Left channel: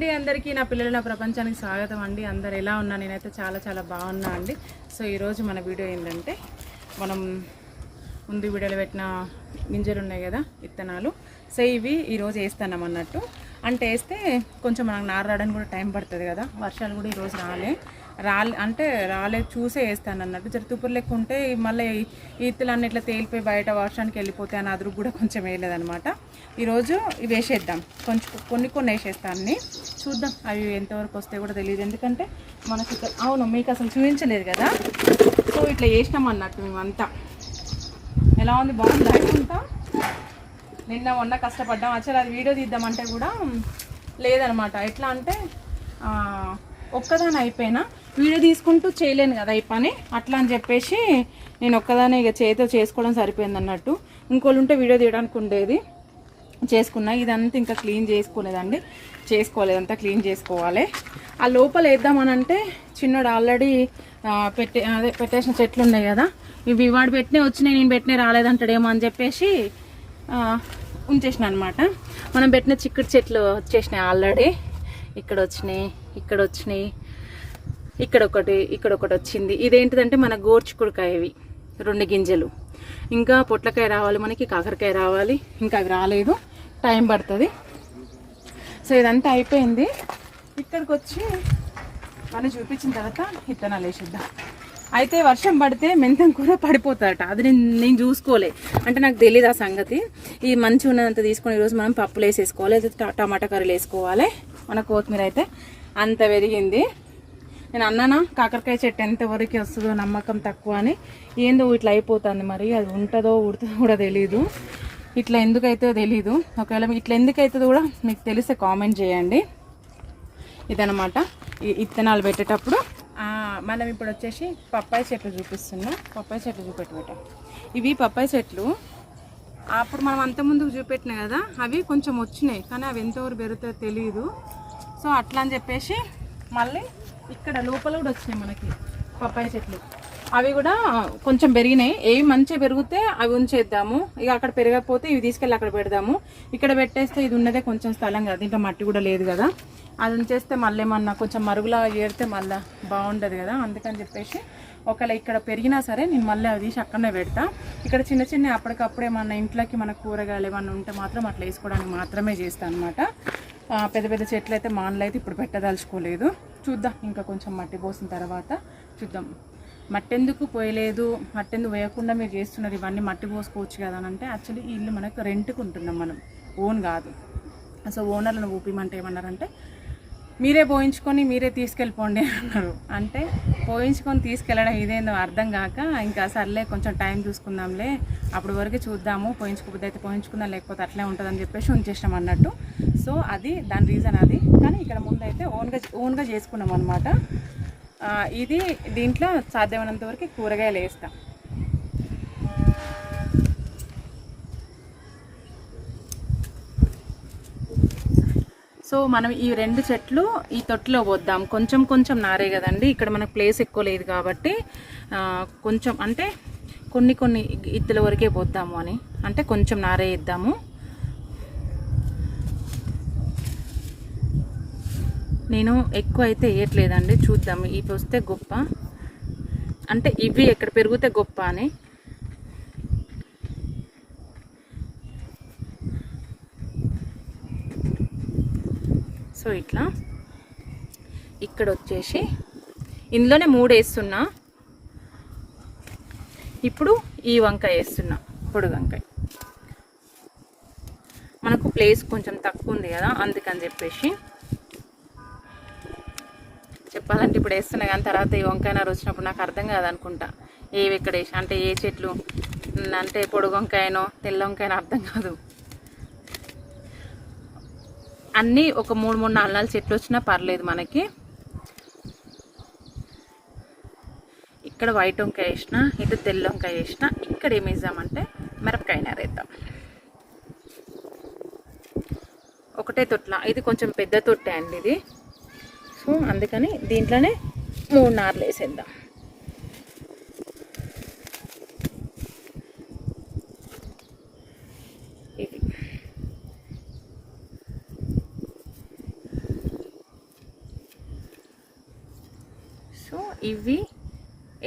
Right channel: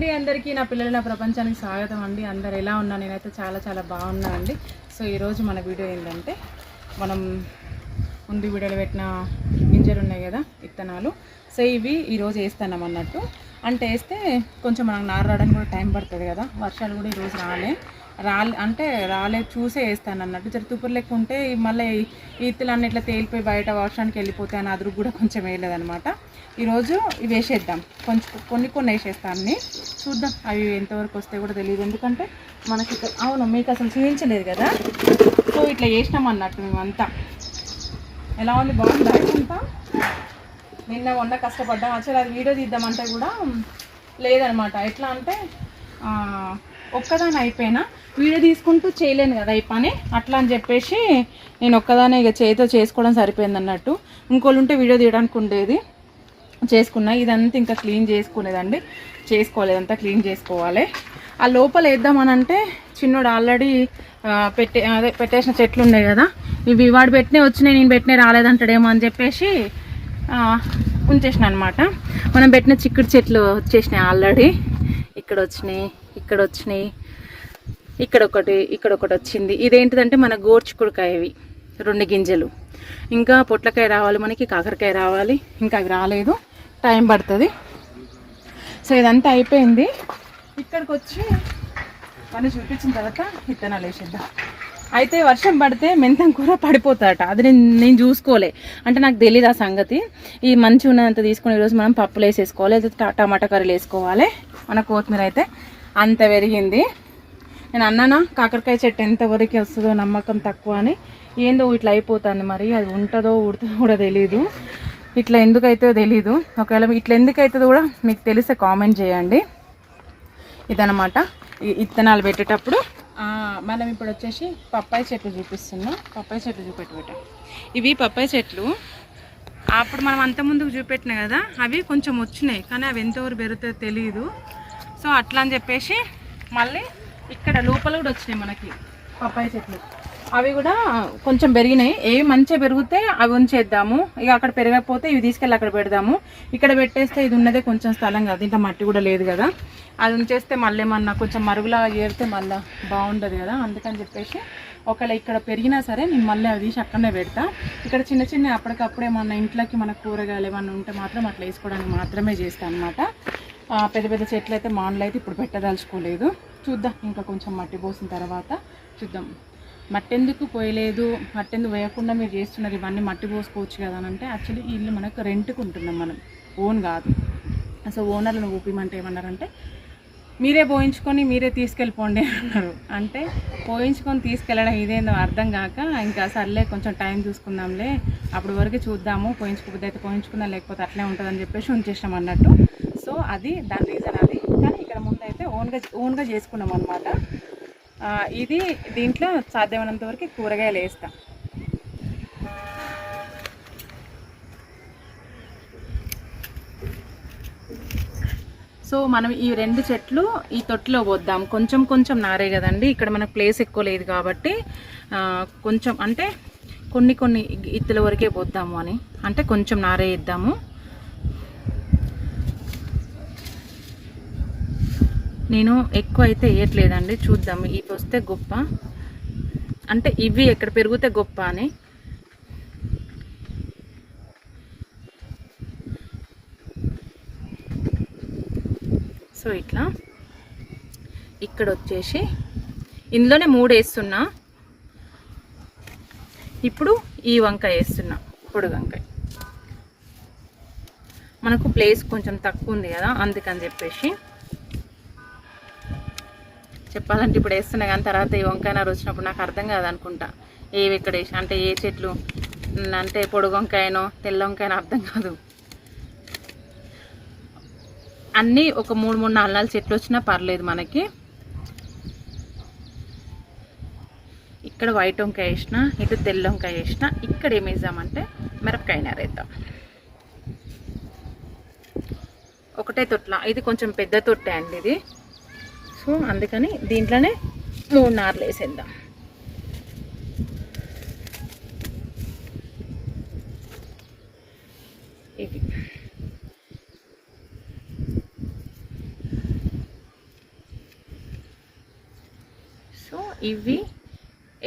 అండి అందరికీ నా పిల్లల ప్రపంచానికి స్వాగతం అండి. అందరు ఎలా ఉన్నా? నేనైతే చాలా చాలా బాగున్నా అండి. సో ఈరోజు మన వీడియో ఏంటంటే, మనం ముందు వీడియోలో పెట్టిన గింజలు ఉన్నాయి కదా, విత్తనాలు. సో ఇవి ఈరోజు వేస్తున్నాం అన్నట్టు. అంటే వేస్తే కొంచెం మనకు నార రావడానికి కూడా టైం పడుతుంది కదా. వర్షాలు కూడా ఈరోజు రాలే చూసే వేస్తాను అన్నట్టు. జర తుప్పురు లెక్క ఉంటే మళ్ళీ ఈతులు అన్నీ ఇట్లా తేలిపోయి బయట వర్షానికి వెళ్ళిపోతే అని అదురు కూడా కొంచెం వేయలేదనమాట. ఈరోజు ఇవి వేసేద్దాం, కొన్ని వేసేస్తాను అన్నీ. చూద్దాం అవి ఎంతవరకు వస్తే కూడా తెలియదు, ఎందుకంటే మనకి అవును మీకు అసలు చూపించలేదు కదా. సో ఇట్లా వేసినాం అన్నట్టు మేమంతా. ఎలా ఉంది? బాగుంది అంతా. నిన్న మొన్న కష్టపడ్డాం. అసలు అది వీడియో తీద్దామంటే కూడా లేదనమాట. ఎట్లా అంటే ఒక్కదాని అయిపోయినా వీడియో తీసుకుంటూ చేయలేను కదా ఈ పని, అట్లా అని చెప్పేసి నేను ఒక్కదానే ఇక చేతితో చేసుకోవడం సరిపోయింది అన్నట్టు. ఇంకోళ్ళు ఉంటే వీడియో తీయడానికి ఉండేది, చేసుకున్నా. ఇదంతా ఇంకా క్లీన్ చేసుకోలేదండి, చేసుకోలేదంతా క్లీన్ చేసుకోవాలి. ఆ లోపల వేద్దామని అంటే చిన్నోడు ఆల్రెడీ పెట్టేసిన చెట్లు ఉన్నాయి కదా, ఇవి వాడు పెట్టినే వచ్చినాయి, నేను పెట్టినే రాలేదంటాడేమో అని చెప్పేసి ఉంచేసిన అనమాట. మనం పెట్టిన చిక్కుడు చెట్లు వచ్చేసినాయి ఆల్రెడీ. ఇక్కడ వచ్చినాయి, ఇక్కడ ఒకటి వచ్చింది. ఇదేంటిదంటే మన గోర్చిక్కుడుకాయ, ఇవి 2 గింజలు. ఇంకా పొట్లకాయ రావాలి మనకి, కాకరకాయ రావాలి, ఇంకా అవి రాలేదు, టైం పడుతుంది. సో ఇదంతా అయిపోయింది. ఇక్కడికి వచ్చి పని చూపించిన తర్వాత విత్తనాలు వేసేద్దాం. అయితే వర్షం పడితే మెంతం కూర పడిపోతాడట, అది నేను చూసుకోలే, అంటే నాకు తెలియదు ఆ సంగతి. ఈ మంచి ఉన్నదంతా తీసుకుని ఈరోజు మనం పప్పులు వేసేసుకోవాలి, అయితే టమాటా కర్రీలు వేసుకోవాలి. మన కొత్తిమీర అయితే అంత పెరిగింది. నేను అన్నానా కాకరకాయ చెట్టు ఎంతవరకు వస్తుందో నమ్మకం తక్కువ అని. ఏందో ఇట్లా అయిపోతుంది, మరి అది ఉంటుందో ఉడుతుందో కూడా తెలీదు. ఇట్లా ఎందుకైతే తెలీదు. ఒకవేళ ఇట్లా ఎందుకైతుందో కూడా మీకు తెలిస్తే కామెంట్ చేయండి. ఇదనమాట విత్తనాలు పెట్టేటప్పుడు. మనం ఇప్పుడు వచ్చేసి పప్పాయి చెట్లు చూపిస్తున్నాం. పప్పాయి చెట్లు చూపెట్టబెట్టాం. ఇవి పప్పాయి చెట్లు అప్పుడు మనం అంత ముందుకు చూపెట్టినా కదా, అవి కొంచెం వచ్చినాయి, కానీ అవి ఎంతవరకు పెరుగుతుందో తెలియదు. సో అట్లా అని చెప్పేసి మళ్ళీ ఇక్కడ లోపల కూడా వచ్చినాయి మనకి పప్పాయి చెట్లు. అవి కూడా కొంచెం పెరిగినాయి. ఏవి మంచిగా పెరిగితే అవి ఉంచేద్దాము, ఇక అక్కడ పెరగకపోతే ఇవి తీసుకెళ్ళి అక్కడ పెడదాము. ఇక్కడ పెట్టేస్తే ఇది ఉన్నదే కొంచెం స్థలం కదా, ఇంట్లో మట్టి కూడా లేదు కదా, అది ఉంచేస్తే మళ్ళీ ఏమన్నా కొంచెం మరుగులా ఏరితే మళ్ళీ బాగుండదు కదా. అందుకని చెప్పేసి ఒకవేళ ఇక్కడ పెరిగినా సరే నేను మళ్ళీ అవి తీసి అక్కడనే పెడతా. ఇక్కడ చిన్న చిన్న అప్పటికప్పుడు ఏమన్నా ఇంట్లోకి మన కూరగాయలు ఏమన్నా ఉంటే మాత్రం అట్లా వేసుకోవడానికి మాత్రమే చేస్తాను అనమాట. పెద్ద పెద్ద చెట్లు అయితే మానలు అయితే ఇప్పుడు పెట్టదలుచుకోలేదు. చూద్దాం, ఇంకా కొంచెం మట్టి పోసిన తర్వాత చూద్దాం. మట్టి ఎందుకు పోయలేదు, మట్టి ఎందుకు వేయకుండా మీరు చేస్తున్నారు, ఇవన్నీ మట్టి పోసుకోవచ్చు కదా అని అంటే, యాక్చువల్లీ ఈ ఇల్లు మనకు రెంట్కి ఉంటున్నాం, మనం ఓన్ కాదు. సో ఓనర్లను ఊపిమంటే ఏమన్నారంటే, మీరే పోయించుకొని మీరే తీసుకెళ్ళిపోండి అన్నారు. అంటే పోయించుకొని తీసుకెళ్ళడం ఇదేందో అర్థం కాక, ఇంకా సర్లే కొంచెం టైం చూసుకుందాంలే, అప్పటి వరకు చూద్దాము, పోయించుకోబోద్ది అయితే పోయించుకుందాం, లేకపోతే అట్లే ఉంటుందని చెప్పేసి ఉంచేసినాం అన్నట్టు. సో అది దాని రీజన్ అది. కానీ ఇక్కడ ముందు అయితే ఓన్గా చేసుకున్నాం అనమాట. ఇది దీంట్లో సాధ్యమైనంత వరకు కూరగాయలు వేస్తాం. సో మనం ఈ 2 చెట్లు ఈ తొట్టిలో పోద్దాం. కొంచెం నారే కదండి, ఇక్కడ మనకు ప్లేస్ ఎక్కువ లేదు కాబట్టి కొంచెం అంటే కొన్ని ఇత్తుల వరకే పోద్దాము అని, అంటే కొంచెం నారే ఇద్దాము. నేను ఎక్కువ అయితే వేయట్లేదండి, చూద్దాం ఇవి వస్తే గొప్ప, అంటే ఇవి ఎక్కడ పెరిగితే గొప్ప అని. సో ఇట్లా ఇక్కడ వచ్చేసి ఇందులోనే 3 వేస్తున్నా. ఇప్పుడు ఈ వంకాయ వేస్తున్నా, పొడి వంకాయ. మనకు ప్లేస్ కొంచెం తక్కువ ఉంది కదా, అందుకని చెప్పేసి చెప్పాలంటే ఇప్పుడు వేస్తున్నా, కానీ తర్వాత ఈ వంకాయ నారు వచ్చినప్పుడు నాకు అర్థం కాదనుకుంటా ఏవి ఎక్కడ వేసి, అంటే ఏ చెట్లు అంటే పొడుగు వంకాయనో తెల్ల వంకాయనో అర్థం కాదు. అన్నీ ఒక 3-4 చెట్లు వచ్చినా పర్లేదు మనకి. ఇక్కడ వైట్ వంకాయ వేసిన, ఇటు తెల్ల వంకాయ వేసిన, ఇక్కడ ఏం వేద్దామంటే మిరపకాయ నారేద్దాం. ఒకటే తొట్ల, ఇది కొంచెం పెద్ద తొట్టే అండి ఇది. సో అందుకని దీంట్లోనే 3 నార్లు వేసేద్దాం. ఇవి ఇవి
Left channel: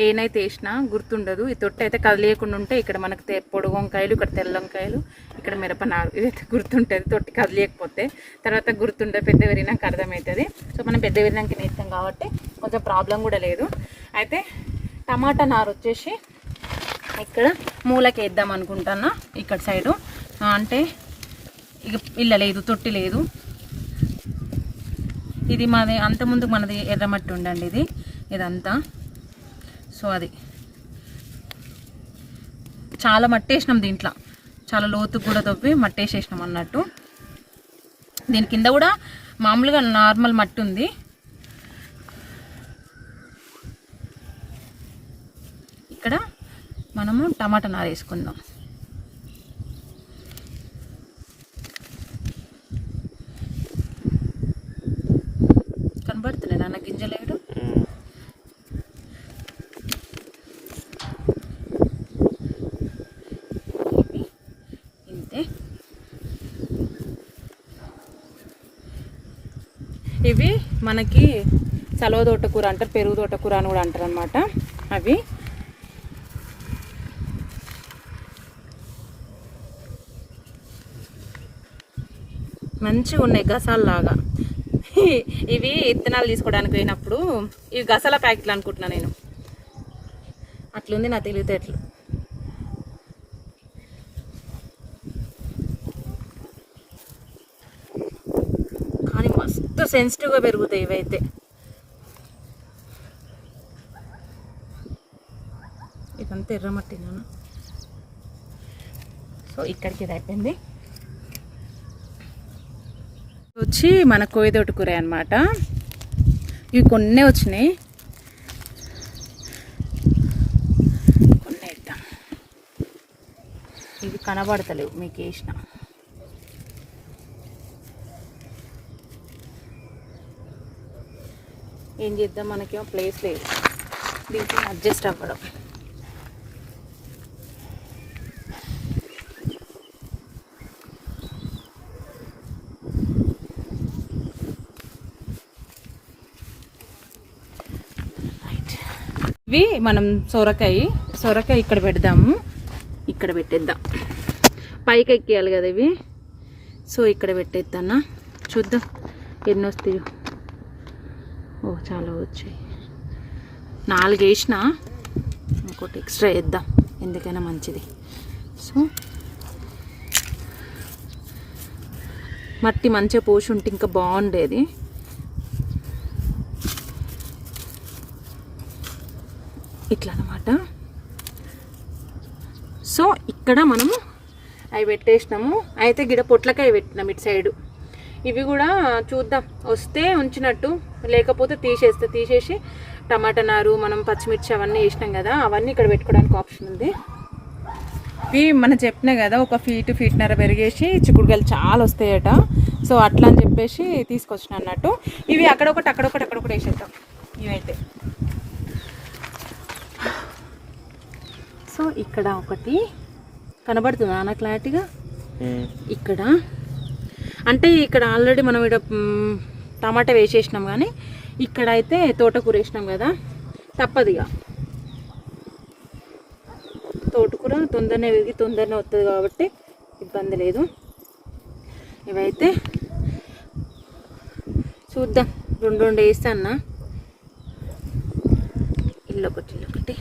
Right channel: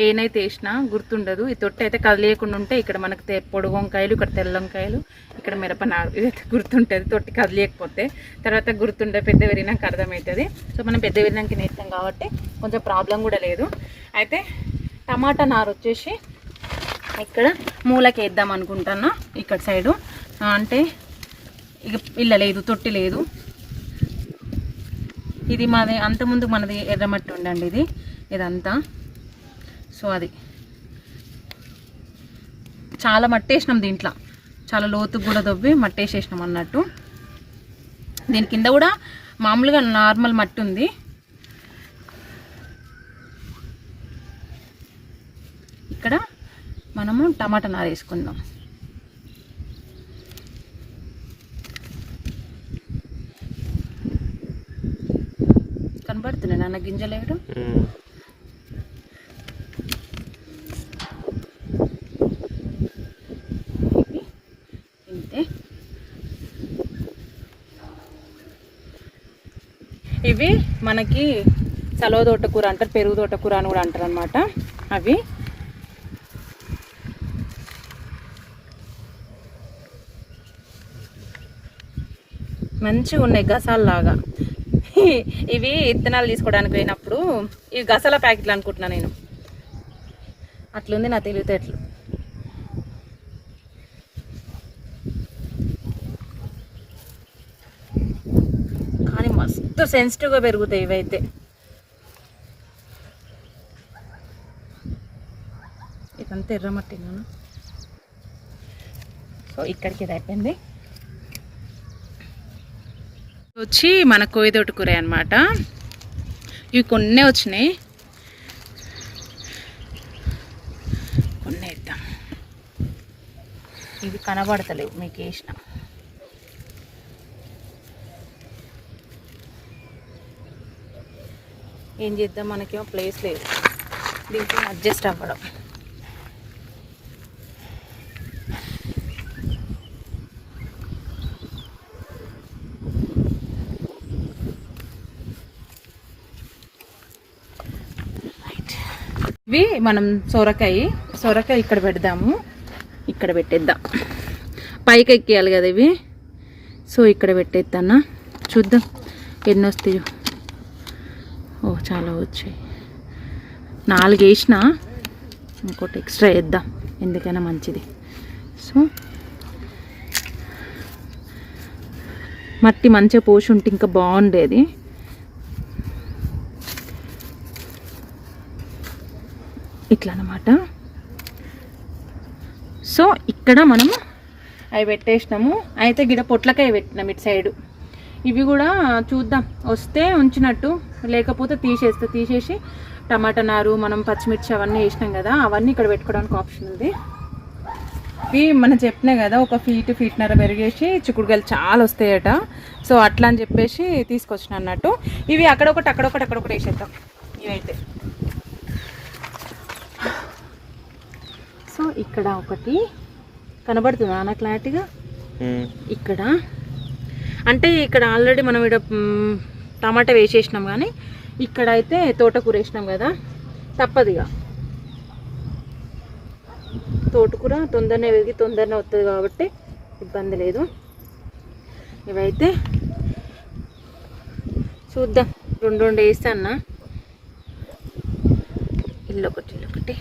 ఏనైతే వేసినా గుర్తుండదు. ఈ తొట్టి అయితే కదిలేయకుండా ఉంటే ఇక్కడ మనకు పొడుగు వంకాయలు, ఇక్కడ తెల్ల వంకాయలు, ఇక్కడ మిరపనారు, ఇదైతే గుర్తుంటుంది. తొట్టి కదిలేయకపోతే తర్వాత గుర్తుండే, పెద్ద విరినాక అర్థమవుతుంది. సో మనం పెద్ద విరినాక నేస్తాం కాబట్టి కొంచెం ప్రాబ్లం కూడా లేదు. అయితే టమాటా నారు వచ్చేసి ఇక్కడ మూలకి వేద్దాం అనుకుంటున్నా. ఇక్కడ సైడు అంటే ఇక ఇల్ల లేదు, తొట్టి లేదు. ఇది మాది అంతకుముందు మనది ఎర్రమట్టి ఉండండి ఇదంతా. సో అది చాలా మట్టేసినాం దీంట్లో, చాలా లోతుకు కూడా దొవ్వి మట్టేసేసినాం అన్నట్టు. దీని కింద కూడా మామూలుగా నార్మల్ మట్టి ఉంది. ఇక్కడ మనము టమాటా నార వేసుకుందాం. కనబడుతున్నాయి నాన్న గింజలేడు. ఇవి మనకి సలవ తోటకూర అంటారు, పెరుగు తోటకూర అని కూడా అంటారు అనమాట. అవి మంచిగా ఉన్నాయి గసాల్లాగా. ఇవి విత్తనాలు తీసుకోవడానికి పోయినప్పుడు ఇవి గసాల ప్యాకెట్లు అనుకుంటున్నా నేను. అట్లుంది నా తెలివితేటలు. కానీ మస్తు సెన్సిటివ్గా పెరుగుతాయి ఇవైతే. ఇదంతా ఎర్రమట్టి నాన్న. సో ఇక్కడికి ఇది అయిపోయింది. వచ్చి మన కోయిదోటి కూర అనమాట. ఇవి కొన్నే వచ్చినాయి, కొన్ని వేద్దాం. ఇవి కనబడతలేవు మీకు వేసిన. ఏం చేద్దాం, మనకేమో ప్లేస్ లేదు, దీంట్లో అడ్జస్ట్ అవ్వడం. ఇవి మనం సొరకాయ ఇక్కడ పెడదాము, ఇక్కడ పెట్టేద్దాం. పైకి ఎక్కేయాలి కదా ఇవి. సో ఇక్కడ పెట్టేద్దానా, చూద్దాం ఎన్ని వస్తాయో. ఓ చాలా వచ్చాయి. 4 వేసిన, ఇంకోటి ఎక్స్ట్రా వేద్దాం ఎందుకైనా మంచిది. సో మట్టి మంచిగా పోసి ఉంటే ఇంకా బాగుండేది. ఇట్లా అన్నమాట. సో ఇక్కడ మనము అవి పెట్టేసినాము. అయితే గిడ పొట్లకాయ పెట్టినాం ఇటు సైడు. ఇవి కూడా చూద్దాం, వస్తే ఉంచినట్టు, లేకపోతే తీసేసి టమాటా నారు, మనం పచ్చిమిర్చి అవన్నీ వేసినాం కదా, అవన్నీ ఇక్కడ పెట్టుకోవడానికి ఆప్షన్ ఉంది. ఇవి మనం చెప్పినా కదా, 1 ఫీట్న్నర పెరిగేసి చిక్కుడుకాయలు చాలా వస్తాయట. సో అట్లా అని చెప్పేసి తీసుకొచ్చిన అన్నట్టు. ఇవి అక్కడొకటి వేసేద్దాం ఇవైతే. సో ఇక్కడ ఒకటి కనబడుతుందా నా క్లారిటీగా? ఇక్కడ అంటే ఇక్కడ ఆల్రెడీ మనం ఇక్కడ టమాటా వేసేసినాం, కానీ ఇక్కడ అయితే తోటకూర వేసినాం కదా, తప్పదుగా. తోటకూర తొందరనే పెరిగి తొందరనే వస్తుంది కాబట్టి ఇబ్బంది లేదు. ఇవైతే చూద్దాం, 2 వేస్తా అన్న. ఇల్లొకటి.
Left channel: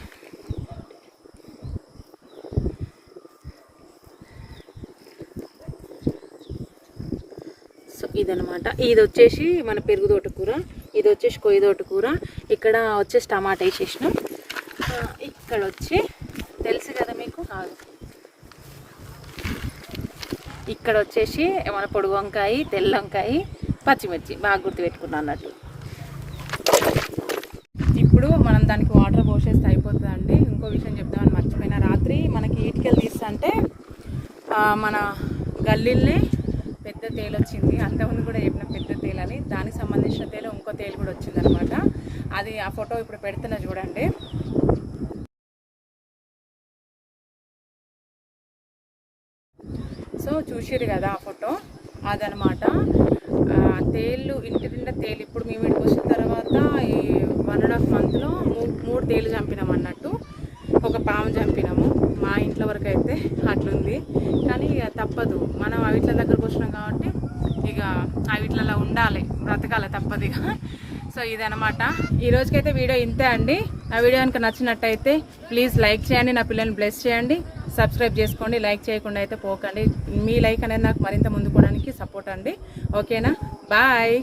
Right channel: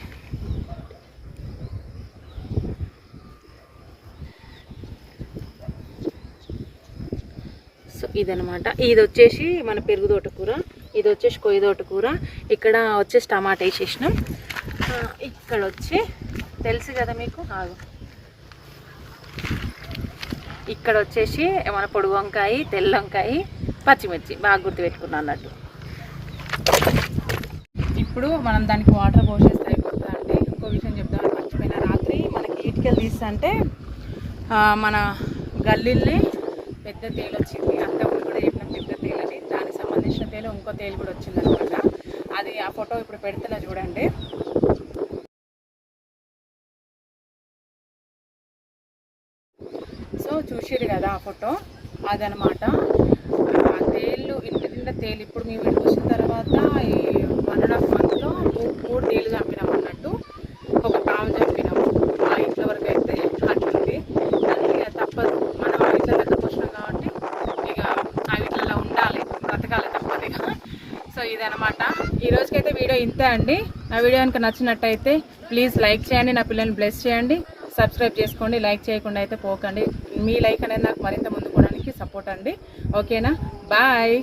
సో ఇదనమాట. ఇది వచ్చేసి మన పెరుగు తోటకూర, ఇది వచ్చేసి కొయ్య తోటకూర. ఇక్కడ వచ్చేసి టమాటా వేసేసినాం. ఇక్కడ వచ్చి తెలుసు కదా మీకు, ఇక్కడ వచ్చేసి మన పొడుగు వంకాయ, తెల్ల వంకాయ, పచ్చిమిర్చి బాగా గుర్తుపెట్టుకున్నాం అన్నట్టు. ఇప్పుడు మనం దానికి వాటర్ పోసేస్తే అయిపోతుంది అండి. ఇంకో విషయం చెప్తాను మర్చిపోయిన, రాత్రి మనకి ఈటికలు తీస్తుంటే మన గల్లీల్ని పెద్ద తేలు వచ్చింది. అంతకుముందు కూడా చెప్పిన పెద్ద తేలని, దానికి సంబంధించిన తేలు ఇంకో తేలు కూడా వచ్చిందనమాట. అది ఆ ఫోటో ఇప్పుడు పెడుతున్నా చూడండి. సో చూసిరు కదా ఆ ఫోటో, అదనమాట. తేళ్ళు ఇంటి నిండా తేలు. ఇప్పుడు మేము ఇక్కడికి వచ్చిన తర్వాత ఈ 1.5 monthలో బ్రతకాలి తప్పదుగా. సో ఇదనమాట ఈ రోజుకైతే వీడియో ఇంతే అండి. నా వీడియో కనుక నచ్చినట్టయితే ప్లీజ్ లైక్ చేయండి, నా పిల్లల్ని బ్లెస్ చేయండి, సబ్స్క్రైబ్ చేసుకోండి. లైక్ చేయకుండా అయితే పోకండి. మీ లైక్ అనేది నాకు మరింత ముందుకోవడానికి సపోర్ట్ అండి. ఓకేనా, బాయ్.